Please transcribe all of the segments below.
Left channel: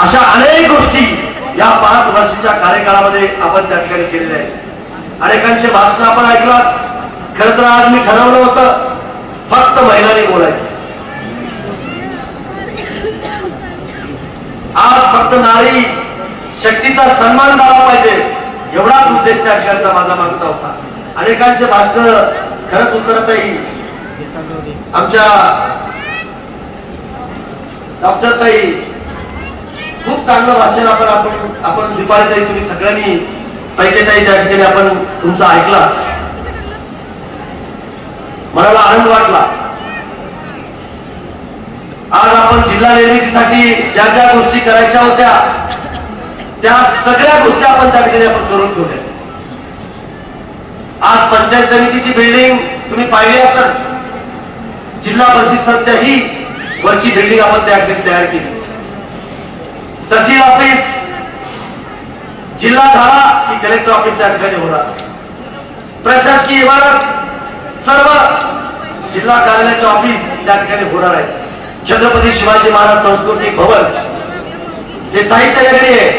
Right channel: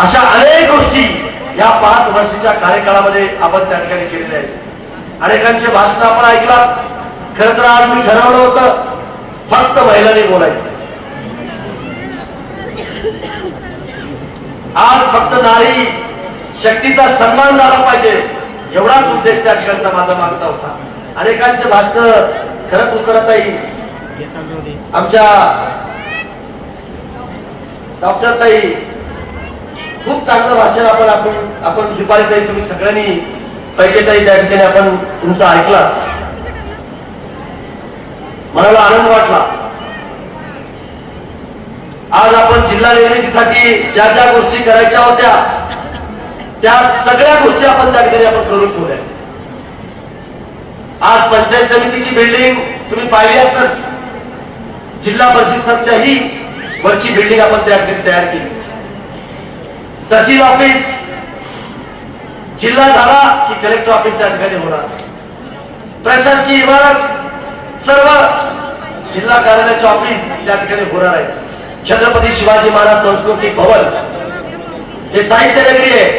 अशा अनेक गोष्टी या पाच वर्षीच्या कार्यकाळामध्ये आपण त्या ठिकाणी केलेल्या आहेत. अनेकांचे भाषण आपण ऐकला. खर तर आज मी ठरवलं होतं फक्त महिलांनी बोलायचं. आज फक्त नारी शक्तीचा सन्मान झाला पाहिजे एवढाच उद्देश त्या ठिकाणचा माझा मागचा होता. अनेकांचे भाषण खरंच उतरत येईल. आमच्या डॉक्टर ताई खूप चांगलं भाषण आपण आपण आपण दुपारी तुम्ही सगळ्यांनी पैकी त्या ठिकाणी आपण तुमचं ऐकला. मनाला आनंद वाटला. आज आपण जिल्हा निर्मितीसाठी ज्या ज्या गोष्टी करायच्या होत्या त्या सगळ्या गोष्टी आपण त्या ठिकाणी आपण करून ठेवल्या. आज पंचायत समितीची बिल्डिंग तुम्ही पाहिली असेल. जिल्हा परिषद ही वरची बिल्डिंग आपण त्या ठिकाणी तयार केली. तहसील ऑफिस. जिल्हा झाला की कलेक्टर ऑफिस त्या ठिकाणी होणार. प्रशासकीय इमारत सर्व जिल्हा कार्यालयाचे ऑफिस त्या ठिकाणी होणार आहे. छत्रपती शिवाजी महाराज सांस्कृतिक भवन. हे साहित्य नगरी आहे.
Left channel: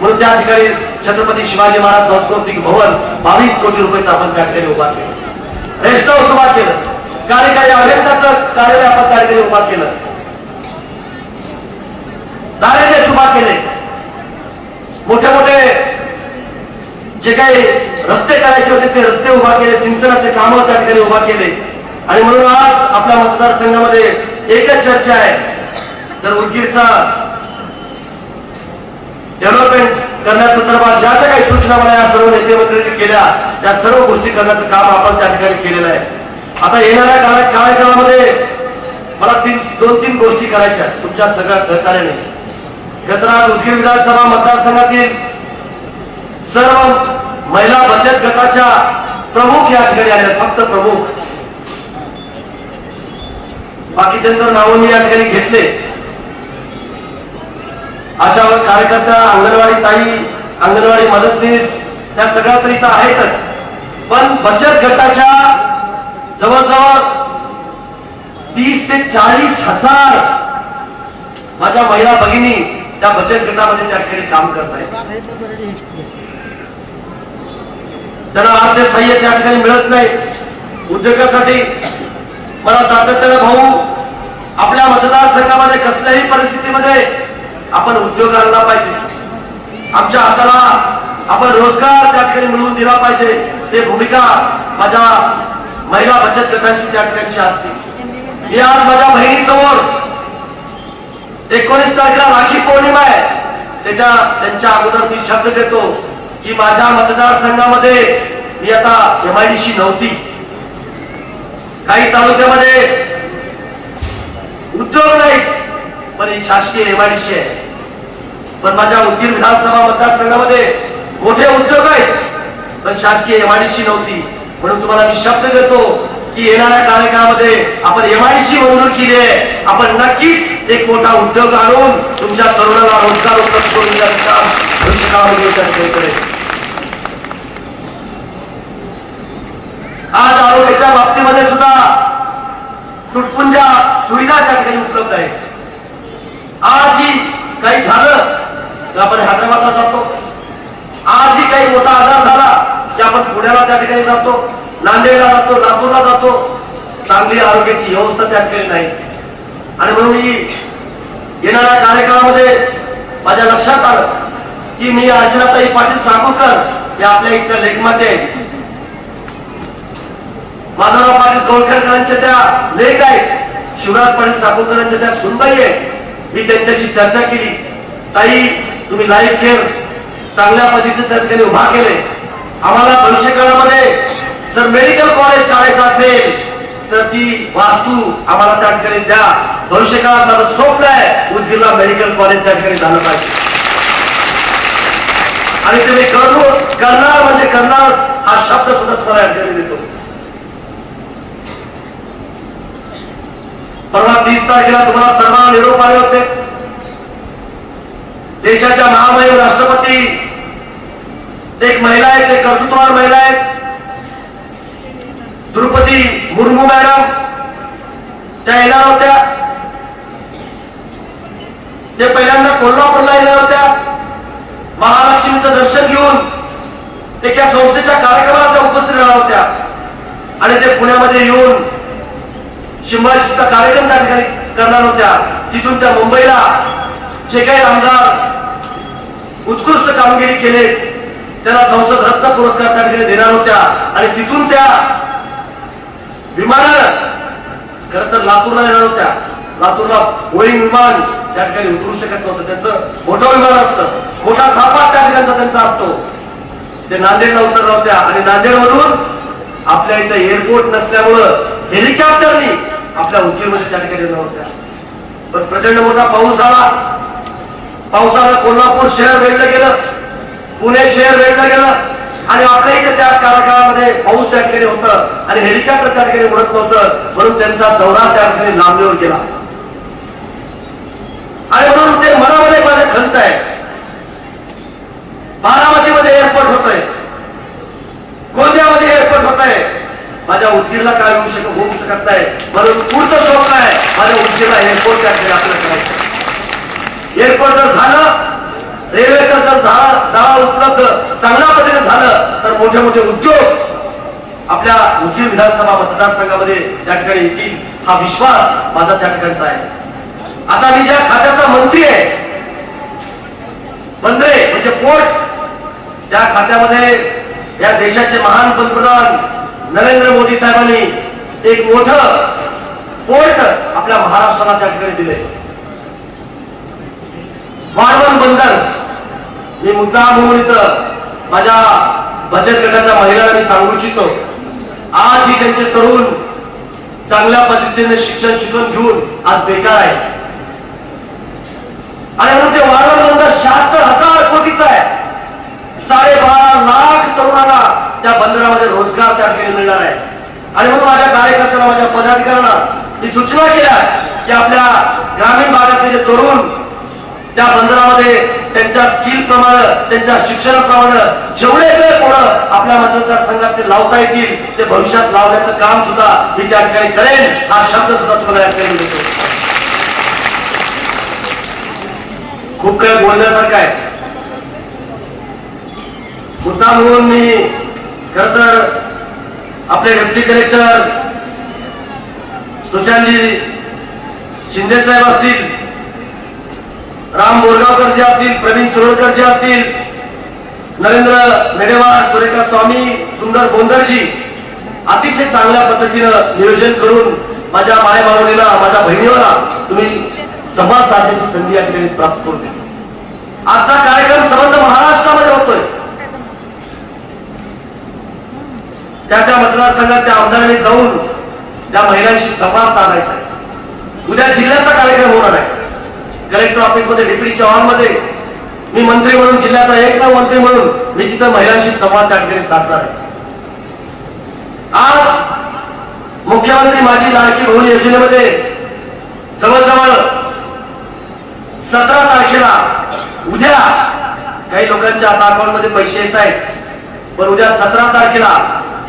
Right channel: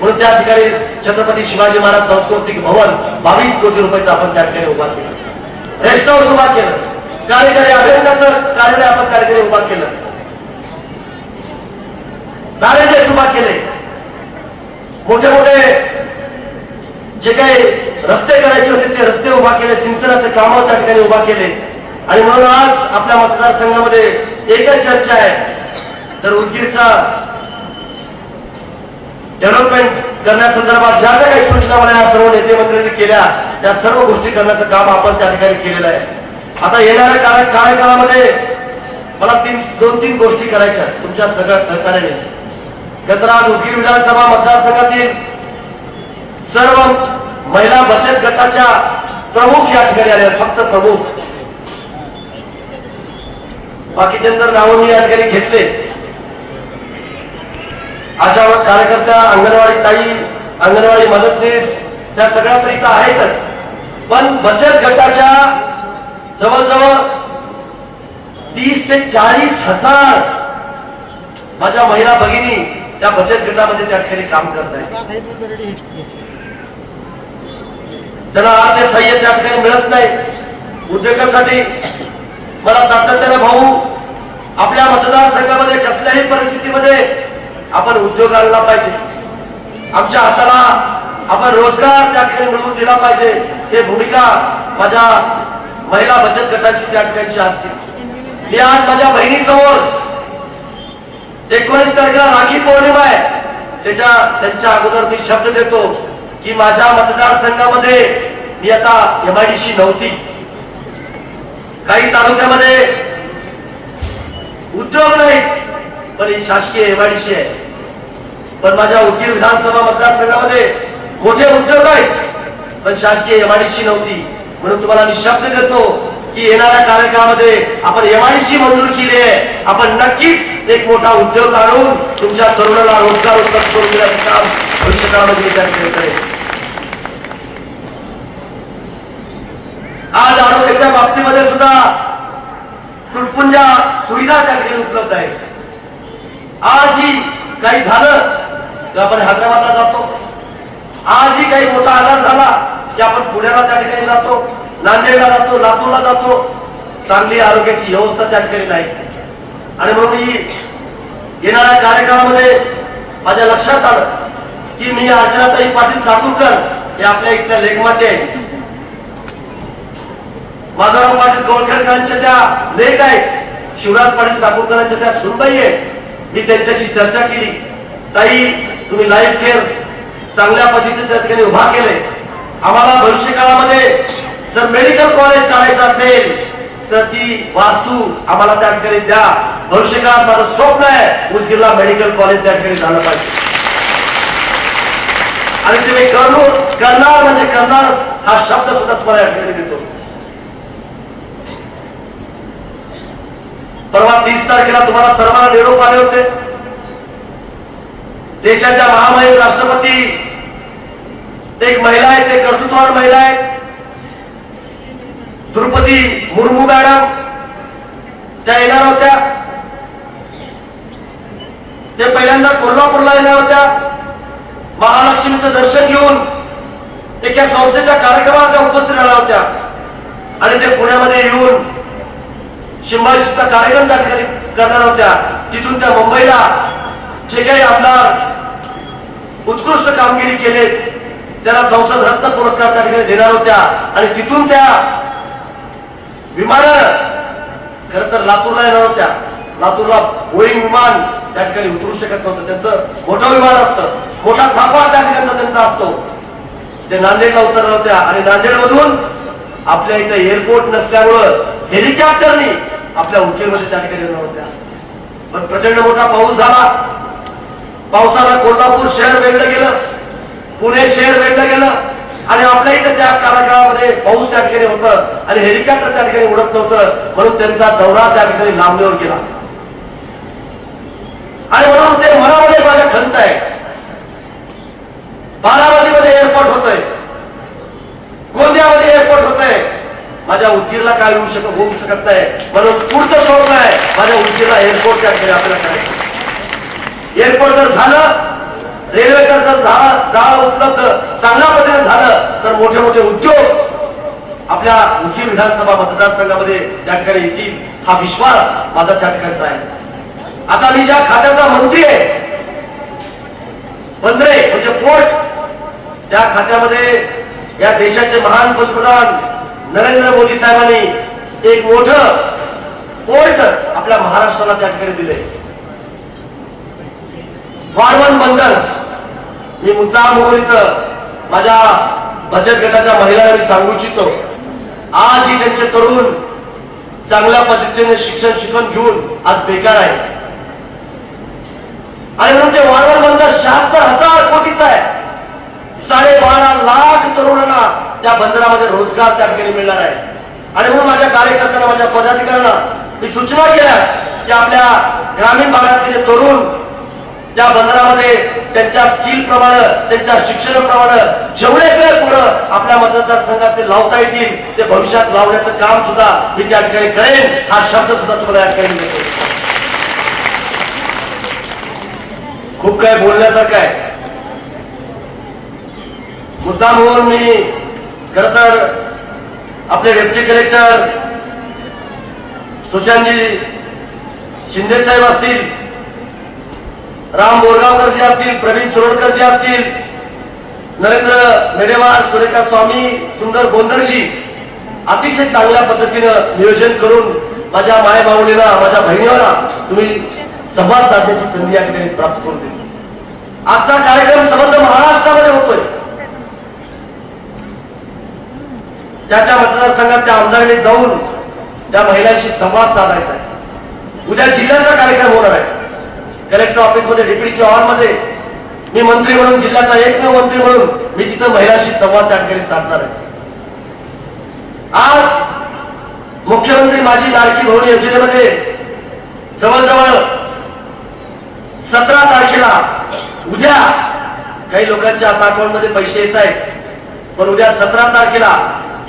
म्हणून त्या ठिकाणी छत्रपती शिवाजी महाराज सांस्कृतिक भवन बावीस कोटी रुपयाचं आपण त्या ठिकाणी उभा केलं. रेस्ट हाऊस उभा केलं. कार्यकारी अभियंताचं कार्यालय आपण त्या ठिकाणी उभा केलं. दारिद्र्य केले. मोठे मोठे जे काही रस्ते करायचे होते ते रस्ते उभा केले सिंचनाचे काम त्या ठिकाणी उभा केले. आणि म्हणून आज आपल्या मतदारसंघामध्ये एकच चर्चा आहे. तर उदगीरचा डेव्हलपमेंट करण्यासंदर्भात ज्या ज्या काही सूचना मला या सर्व नेते मंत्र्यांनी केल्या त्या सर्व गोष्टी करण्याचं काम आपण त्या ठिकाणी केलेलं आहे. आता येणाऱ्या काळात कार्यकाळामध्ये मला तीन दोन तीन गोष्टी करायच्या तुमच्या सगळ्या सहकार्याने. गतराज उदगीर विधानसभा मतदारसंघातील सर्व महिला बचत गटाच्या प्रमुख या ठिकाणी आल्या फक्त प्रमुख. बाकीच्या तर नावं या ठिकाणी घेतले. अशा कार्यकर्त्या अंगणवाडी ताई अंगणवाडी मदतनीस त्या सगळ्या तरी तर आहेतच. पण बचत गटाच्या जवळजवळ तीस ते चाळीस हजार माझ्या महिला भगिनी त्या बचत गटामध्ये त्या ठिकाणी काम करत आहेत. त्यांना आर्थिक सहाय्य त्या ठिकाणी मिळत नाही. उद्योगासाठी मला सातत्याने भाऊ आपल्या मतदारसंघामध्ये कसल्याही परिस्थितीमध्ये आपण उद्योग आणला पाहिजे. आमच्या हाताला आपण रोजगार त्या ठिकाणी मिळवून दिला पाहिजे. हे भूमिका माझ्या महिला बचत गटाची त्या ठिकाणची असते. मी आज माझ्या बहिणी एकोणीस तारखेला राखी पौर्णिमा आहे. त्याच्या त्यांच्या अगोदर मी शब्द देतो की माझ्या मतदारसंघामध्ये मी आता एमआयडीसी नव्हती. काही तालुक्यामध्ये उद्योग नाही पण ही शासकीय एमआयडीसी आहे. पण माझ्या उदगीर विधानसभा मतदारसंघामध्ये मोठे उद्योग आहेत पण शासकीय एमआयडीसी नव्हती. म्हणून तुम्हाला मी शब्द देतो की येणाऱ्या कार्यकाळामध्ये आपण एमआयडीसी मंजूर केली आहे. आपण नक्कीच एक मोठा उद्योग आणून तुमच्या तरुणाला रोजगार उपलब्ध करून देण्याचं काम भविष्यकाळामध्ये त्या करेल आज आरोग्याच्या बाबतीमध्ये सुद्धा तुटपुंजा सुविधा त्या ठिकाणी उपलब्ध आहेत. आज ही काही झालं तर आपण हैदराबादला जातो आज ही काही मोठा आजार झाला की आपण पुण्याला त्या ठिकाणी जातो नांदेडला जातो लातूरला जातो चांगली आरोग्याची व्यवस्था त्या ठिकाणी नाही. आणि म्हणून मी येणाऱ्या कार्यकाळामध्ये माझ्या लक्षात आलं की मी अर्चनाताई पाटील चाकूरकर हे आपल्या इथल्या लेखमाते आहेत. माधवराव पाटील गोरखेडकरांच्या त्या लेख आहेत. शिवराज पाटील चाकूरकरांच्या त्या सुनबाई आहेत. मी त्यांच्याशी चर्चा केली. ताई तुम्ही लाईफ खेळ. चांगल्या पद्धतीने त्या ठिकाणी उभा केले आम्हाला भविष्य काळामध्ये जर मेडिकल कॉलेज काढायचं असेल तर ती वास्तू आम्हाला त्या ठिकाणी द्या. भविष्यकाळात माझं स्वप्न आहे उदगीरला मेडिकल कॉलेज त्या ठिकाणी झालं पाहिजे. आणि तुम्ही करू करणार म्हणजे करणार हा शब्द सुद्धा तुम्हाला या ठिकाणी देतो. परवा तीस तारखेला तुम्हाला सर्वांना निरोप आले होते. देशाच्या महामहिम राष्ट्रपती एक महिला आहेत ते कर्तृत्ववान महिला आहेत द्रुपदी मुर्मू मॅडम त्या येणार होत्या. ते पहिल्यांदा कोल्हापूरला येणार होत्या. महालक्ष्मीचं दर्शन घेऊन एका संस्थेच्या कार्यक्रमाला त्या उपस्थित राहणार होत्या. आणि ते पुण्यामध्ये येऊन सिंहाशीचा कार्यक्रम त्या ठिकाणी करणार होत्या. तिथून त्या मुंबईला जे काही आमदार उत्कृष्ट कामगिरी केले त्याला संसद रत्न पुरस्कार त्या ठिकाणी देणार होत्या. आणि तिथून त्या विमान खर तर लातूरला येणार होत्या. लातूरला बोईंग विमान त्या ठिकाणी उतरू शकत नव्हतं. त्यांचं मोठं विमान असतं. मोठा थापा त्या ठिकाणचा त्यांचा असतो. ते नांदेडला उतरल्या होत्या. आणि नांदेड मधून आपल्या इथं एअरपोर्ट नसल्यामुळं हेलिकॉप्टरनी आपल्या उकेमध्ये त्या ठिकाणी येणार होत्या. पण प्रचंड मोठा पाऊस झाला. पावसाला कोल्हापूर शहर वेढलं गेलं. पुणे शहर वेढलं गेलं. आणि आपल्या इथे त्या काळाकाळामध्ये पाऊस त्या ठिकाणी होतं आणि हेलिकॉप्टर त्या ठिकाणी उडत नव्हतं म्हणून त्यांचा दौरा त्या ठिकाणी नामलेवर गेला आणि म्हणून ते मनामध्ये माझ्या खंत आहे. बारामतीमध्ये एअरपोर्ट होत आहे गोंदियामध्ये एअरपोर्ट होत आहे माझ्या उदगीरला काय होऊ शकत होऊ शकत नाही. म्हणून पुढचं स्वप्न आहे माझ्या उदगीरला एअरपोर्ट त्या ठिकाणी आपल्याला करायचं. एअरपोर्ट जर झालं रेल्वे जर जाळा उपलब्ध चांगल्या पद्धतीने झालं तर मोठे मोठे उद्योग आपल्या उज्जैन विधानसभा मतदारसंघामध्ये त्या ठिकाणी येतील हा विश्वास माझा त्या ठिकाणचा आहे. आता मी ज्या खात्याचा मंत्री आहे मंत्रे म्हणजे पोर्ट त्या खात्यामध्ये या देशाचे महान पंतप्रधान नरेंद्र मोदी साहेबांनी एक मोठ पोर्ट आपल्या महाराष्ट्राला त्या ठिकाणी दिले वाढवण बंदर मी मुद्दा इथं माझ्या बचत गटाच्या महिलांना मी सांगू इच्छितो. आज ही त्यांचे तरुण चांगल्या पद्धतीने शिक्षण शिकवून घेऊन आज बेकार आहे. आणि म्हणून ते वाढवण बंदर शहात्तर हजार कोटीचा आहे. साडेबारा लाख तरुणांना त्या बंदरामध्ये रोजगार त्या ठिकाणी मिळणार आहे. आणि म्हणून माझ्या कार्यकर्त्यांना माझ्या पदाधिकाऱ्यांना मी सूचना केल्या की आपल्या ग्रामीण भागातले जे तरुण त्या बंदरामध्ये त्यांच्या स्किल प्रमाणे त्यांच्या शिक्षणाप्रमाणे जेवढे काही पोरं आपल्या मतदारसंघात ते लावता येतील ते भविष्यात लावण्याचं काम सुद्धा मी त्या ठिकाणी करेन. हा शब्द सुद्धा तुम्हाला या ठिकाणी खूप काय बोलण्यासारखं आहे. मुद्दा म्हणून मी खर तर आपले डेप्टी कलेक्टर सुशांतजी शिंदे साहेब असतील राम बोरगावकर जे असतील प्रवीण सुरळकर जे असतील नरेंद्र मेडेवार सुरेखा स्वामी सुंदर बोंदरजी अतिशय चांगल्या पद्धतीनं नियोजन करून माझ्या मायभावणीला माझ्या बहिणीला तुम्ही संवाद साधण्याची संधी या ठिकाणी प्राप्त करून दिली. आजचा कार्यक्रम संबंध महाराष्ट्रामध्ये होतोय. त्या त्या मतदारसंघात त्या आमदारांनी जाऊन त्या महिलांशी संवाद साधायचा उद्या जिल्ह्याचा कार्यक्रम होणार आहे. कलेक्टर ऑफिसमध्ये डेप्युटीच्या हॉलमध्ये. मी मंत्री म्हणून जिल्ह्याचा एक मंत्री म्हणून मी तिथं महिलांशी संवाद त्या ठिकाणी साधणार आहे. आज मुख्यमंत्री माझी लाडकी बहू योजनेमध्ये जवळजवळ सतरा तारखेला उद्या काही लोकांच्या आता अकाउंटमध्ये पैसे येत आहेत पण उद्या सतरा तारखेला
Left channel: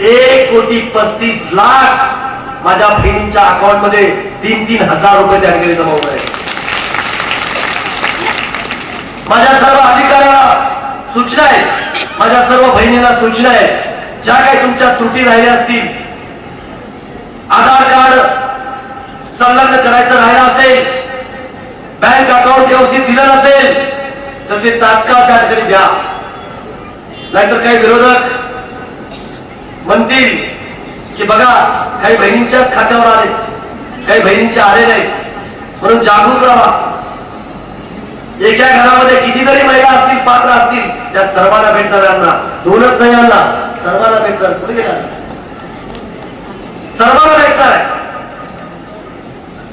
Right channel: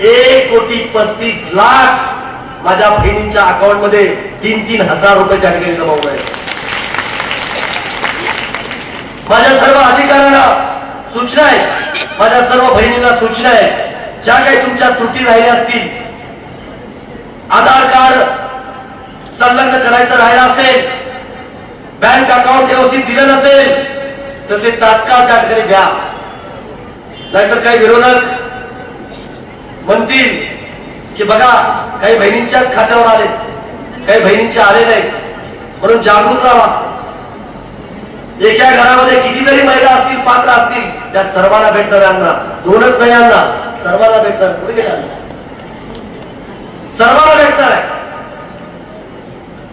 एक कोटी पस्तीस लाख माझ्या बहिणींच्या अकाउंटमध्ये तीन तीन हजार रुपये त्या ठिकाणी जमा होत आहेत. माझ्या सर्व अधिकाऱ्याला सूचना आहे माझ्या सर्व बहिणीला सूचना आहे ज्या काही तुमच्या त्रुटी राहिल्या असतील आधार कार्ड संलग्न करायचं राहिलं असेल बँक अकाउंट व्यवस्थित दिलं नसेल तर ते तात्काळ त्या ठिकाणी द्या. नाहीतर काही विरोधक म्हणतील की बघा काही बहिणींच्याच खात्यावर आले काही बहिणींचे आले नाही. म्हणून जागरूक राहा. एका घरामध्ये कितीतरी महिला असतील पात्र असतील त्या सर्वांना भेटणार यांना. दोनच नाही यांना. सर्वांना भेटणार कुठे गेला? सर्वांना भेटणार आहे.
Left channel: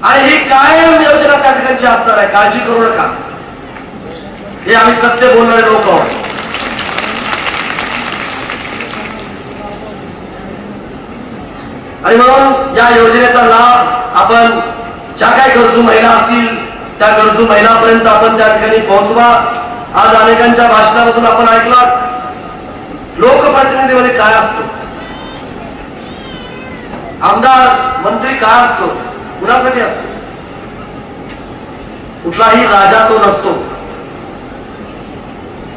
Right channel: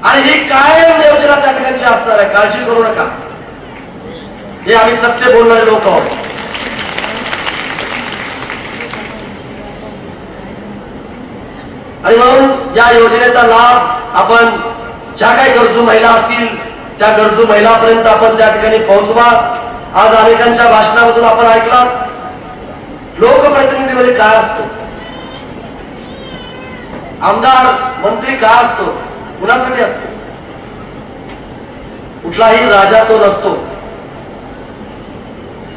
आणि ही कायम योजना त्या ठिकाणची असणार आहे. काळजी करू नका. हे आम्ही सत्य बोलणारे लोक आहोत. आणि म्हणून या योजनेचा लाभ आपण ज्या काही गरजू महिला असतील त्या गरजू महिलापर्यंत आपण त्या ठिकाणी पोहोचवा. आज अनेकांच्या भाषणामधून आपण ऐकला. लोकप्रतिनिधीमध्ये काय असतो? आमदार मंत्री काय असतो? कुणासाठी असतो? कुठलाही राजा तो नसतो.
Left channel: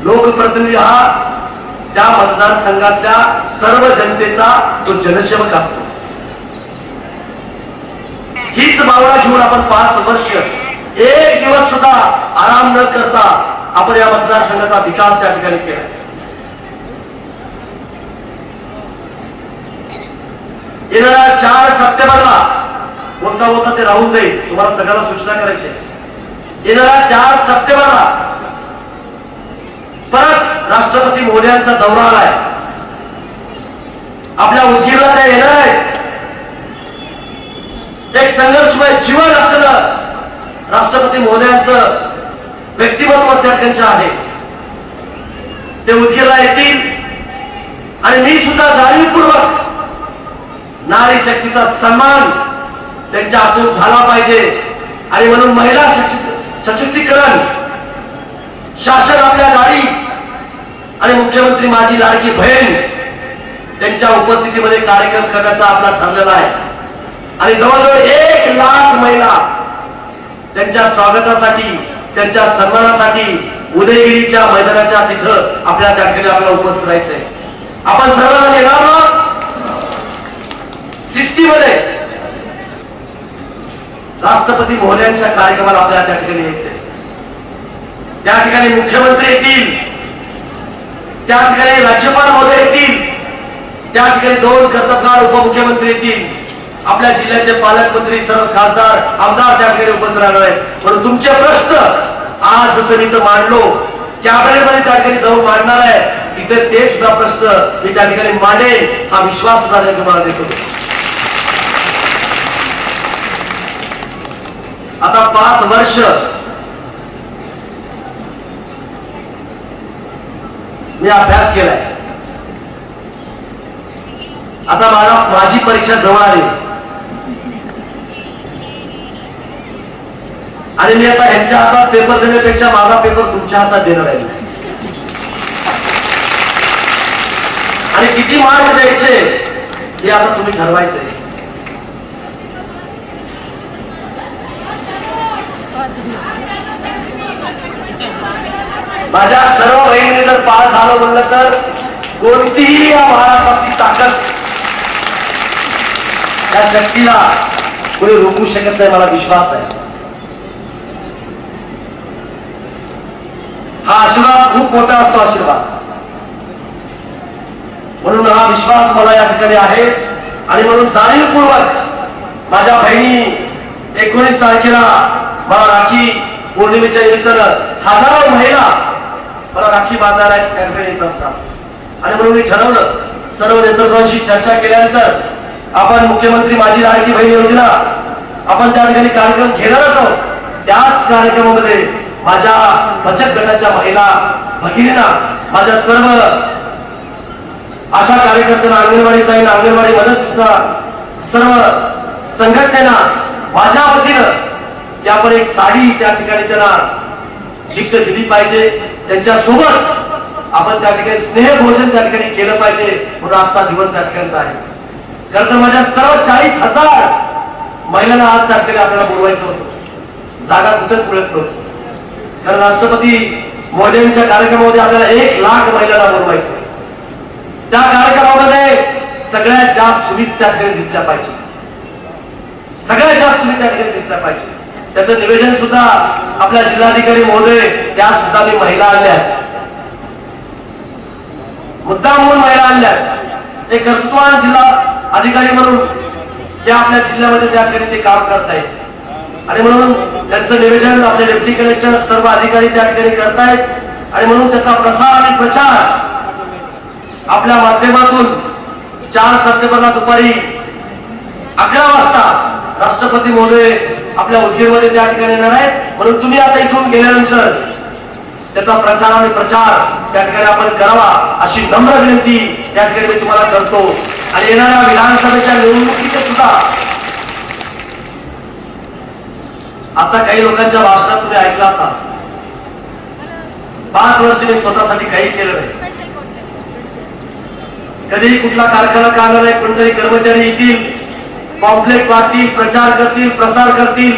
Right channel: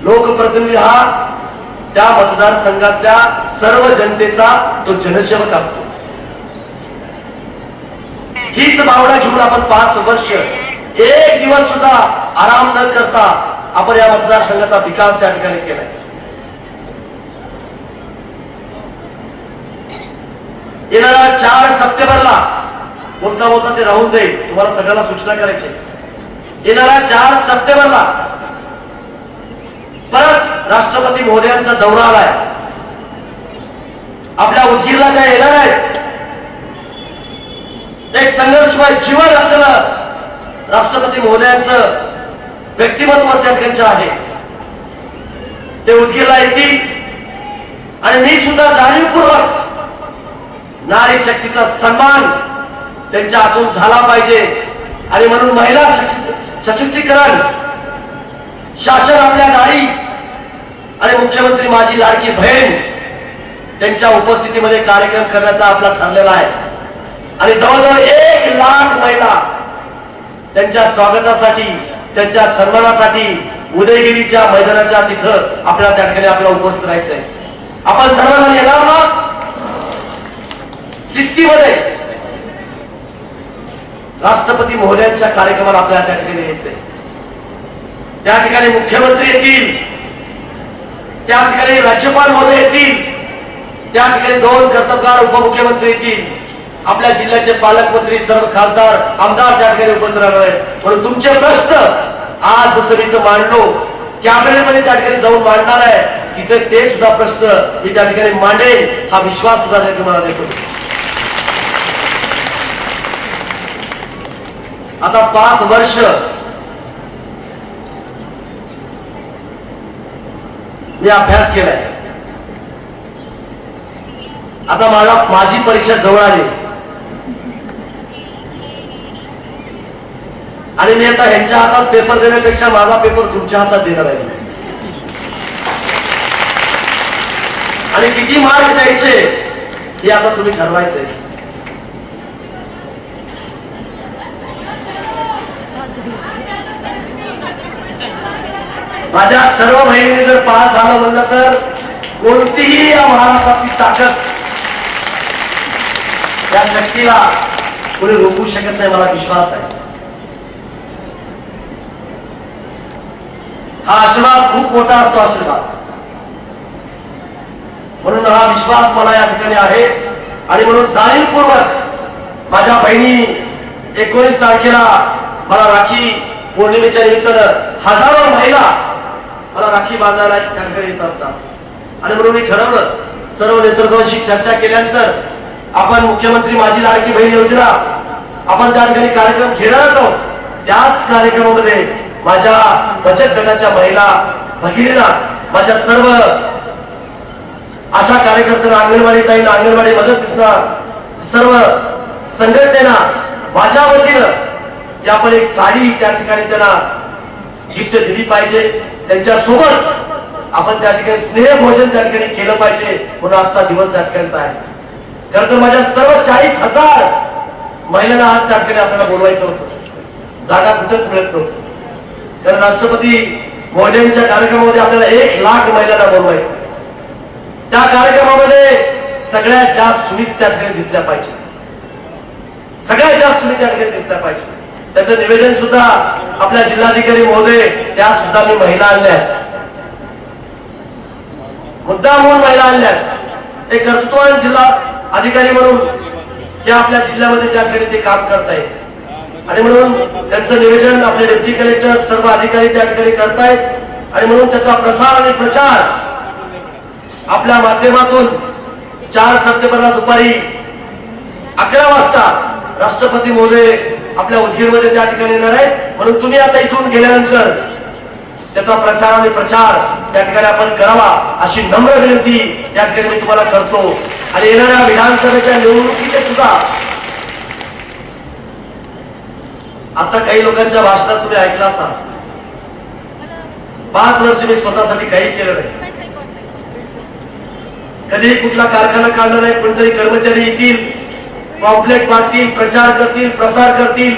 लोकप्रतिनिधी हा त्या मतदारसंघातल्या सर्व जनतेचा तो जनसेवक असतो. हीच भावना घेऊन आपण पाच वर्ष एक दिवस सुद्धा आराम न करता आपण या मतदारसंघाचा विकास त्या ठिकाणी केलाय. येणाऱ्या चार सप्टेंबरला कोणता होता ते राहून जाईल. तुम्हाला सगळ्यांना सूचना करायची येणाऱ्या चार सप्टेंबरला परत राष्ट्रपती मोदयांचा दौरा आलाय. आपल्या उदगीरला त्या येणार आहेत. एक संघर्षमय जीवन असलेलं राष्ट्रपती महोदयांचं व्यक्तिमत्व त्यांचं आहे. ते उदगीरला येतील आणि मी सुद्धा जाणीवपूर्वक नारी शक्तीचा सन्मान त्यांच्या हातून झाला पाहिजे. आणि म्हणून महिला सशक्तीकरण शासन आपल्या गाडी आणि मुख्यमंत्री माझी लाडकी बहीण त्यांच्या उपस्थितीमध्ये कार्यक्रम करण्याचा आपला ठरलेला आहे. आणि जवळजवळ एक लाख महिला त्यांच्या स्वागतासाठी त्यांच्या सन्मानासाठी उदयगिरीच्या मैदानाच्या तिथं आपल्या त्या ठिकाणी आपल्याला उपस्थित राहायचंय. आपण सर्वांना येणार ना सिस्टीमध्ये राष्ट्रपती महोदयांच्या कार्यक्रमाला आपल्याला त्या ठिकाणी यायचंय. त्या ठिकाणी मुख्यमंत्री येतील. त्या ठिकाणी राज्यपाल महोदय येतील. त्या ठिकाणी दोन कर्तबगार उपमुख्यमंत्री येतील. आपल्या जिल्ह्याचे पालकमंत्री सर्व खासदार आमदार त्या ठिकाणी उपस्थित राहणार आहेत. पण तुमचे प्रश्न आज जसं मी मांडलो कॅबिनेटमध्ये त्या ठिकाणी जाऊन मांडणार आहे. तिथे ते सुद्धा प्रश्न मी त्या ठिकाणी मांडेल हा विश्वास सुद्धा मला देतो. आता पाच वर्ष मी अभ्यास केलाय. आता मला माझी परीक्षा जवळ आली. आणि मी आता ह्यांच्या हातात पेपर देण्यापेक्षा माझा पेपर तुमच्या हातात देणार आहे. आणि किती मार्क द्यायचे हे आता तुम्ही ठरवायचे माझ्या सर्व बहिणीने जर पास झालं म्हणलं तर कोणतीही या महाराष्ट्रातली ताकद या शक्तीला कुणी रोखू शकत नाही मला विश्वास आहे. हा आशीर्वाद खूप मोठा असतो आशीर्वाद. म्हणून हा विश्वास मला या ठिकाणी आहे. आणि म्हणून जाणीवपूर्वक माझ्या बहिणी एकोणीस तारखेला मला राखी पौर्णिमेच्या निमित्तानं हजारो महिला मला राखी बांधायला त्या ठिकाणी येत असतात. आणि म्हणून मी ठरवलं सर्व नेतृत्वांशी चर्चा केल्यानंतर आपण मुख्यमंत्री माझी लाडकी बहीण योजना आपण त्या ठिकाणी कार्यक्रम घेणार आहोत. त्याच कार्यक्रमामध्ये माझ्या बचत गटाच्या महिला भगिनींना माझ्या सर्व अशा कार्यकर्त्यांना अंगणवाडी ताईंना अंगणवाडी मदत सर्व संघटनेला माझ्या वतीनं की आपण एक साडी त्या ठिकाणी त्यांना गिफ्ट दिली पाहिजे. त्यांच्यासोबत आपण त्या ठिकाणी स्नेह भोजन त्या ठिकाणी केलं पाहिजे म्हणून आजचा दिवस त्या ठिकाणचा आहे. खरं तर माझ्या सर्व चाळीस हजार महिलांना आज त्या ठिकाणी आपल्याला बोलवायचं होतं. जागा कुठेच मिळत नव्हती. कारण राष्ट्रपती मोदींच्या कार्यक्रमामध्ये आपल्याला एक लाख महिलांना बोलवायचं त्या कार्यक्रमामध्ये सगळ्यात जास्त तुम्हीच त्याकडे दिसल्या पाहिजे. सगळ्यात जास्त तुम्ही त्याकडे दिसल्या पाहिजे. त्याचं निवेदन सुद्धा आपल्या जिल्हाधिकारी महोदय त्या सुद्धा मी महिला आणल्या मुद्दा म्हणून महिला आणल्या ते कर्तृत्वान जिल्हा अधिकारी म्हणून ते आपल्या जिल्ह्यामध्ये त्या ते काम करतायत. आणि म्हणून त्यांचं निवेदन आपले डेप्टी कलेक्टर सर्व अधिकारी त्या ठिकाणी करतायत. आणि म्हणून त्याचा प्रसार आणि प्रचार आपल्या माध्यमातून चार सप्टेंबरला दुपारी अकरा वाजता राष्ट्रपती महोदय आपल्या उद्योगमध्ये त्या ठिकाणी येणार आहेत. म्हणून तुम्ही आता इथून गेल्यानंतर त्याचा प्रचार आणि प्रचार त्या ठिकाणी आपण करावा अशी नम्र विनंती त्या ठिकाणी तुम्हाला करतो. आणि येणाऱ्या विधानसभेच्या निवडणुकीचे सुद्धा आता काही लोकांच्या भाषणात तुम्ही ऐकला असाल. पाच वर्ष मी स्वतःसाठी काही केलं नाही. कधी कुठला कारखाना काढणार नाही कोणतरी कर्मचारी येतील पॉम्पलेट पाहतील प्रचार करतील प्रसार करतील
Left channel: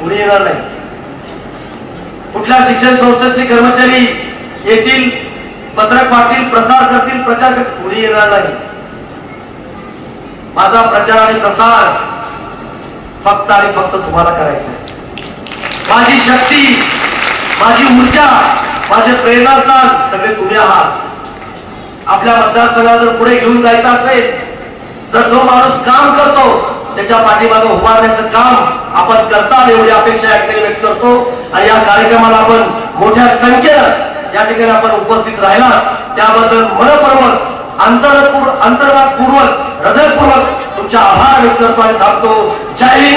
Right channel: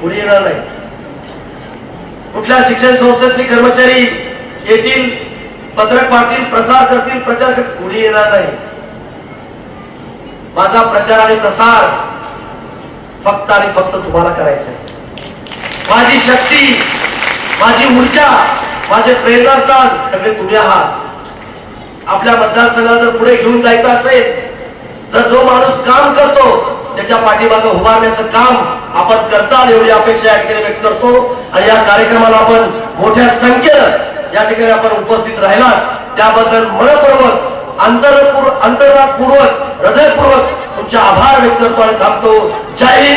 कुणी येणार नाही. कुठल्या शिक्षण संस्थेतले कर्मचारी येतील पत्रक पाहतील प्रसार करतील प्रचार करतील कुणी येणार नाही. माझा प्रचार आणि प्रसार फक्त आणि फक्त तुम्हाला करायचं शक्ती माझी ऊर्जा माझे प्रेरणास्थान सगळे तुम्ही आहात. आपल्या मतदारसंघाला जर पुढे घेऊन जायचं असेल तर जो माणूस काम करतो त्याच्या पाठीमागे उभारण्याचं काम आपण करताल एवढी अपेक्षा या व्यक्त करतो. आणि या कार्यक्रमाला आपण मोठ्या संख्येनं या ठिकाणी आपण उपस्थित राहिला त्याबद्दल मनपूर्वक अंतरपूर्वक अंतर्भागपूर्वक हृदयपूर्वक तुमचे आभार व्यक्त करतो आणि थांबतो. जय हिंद!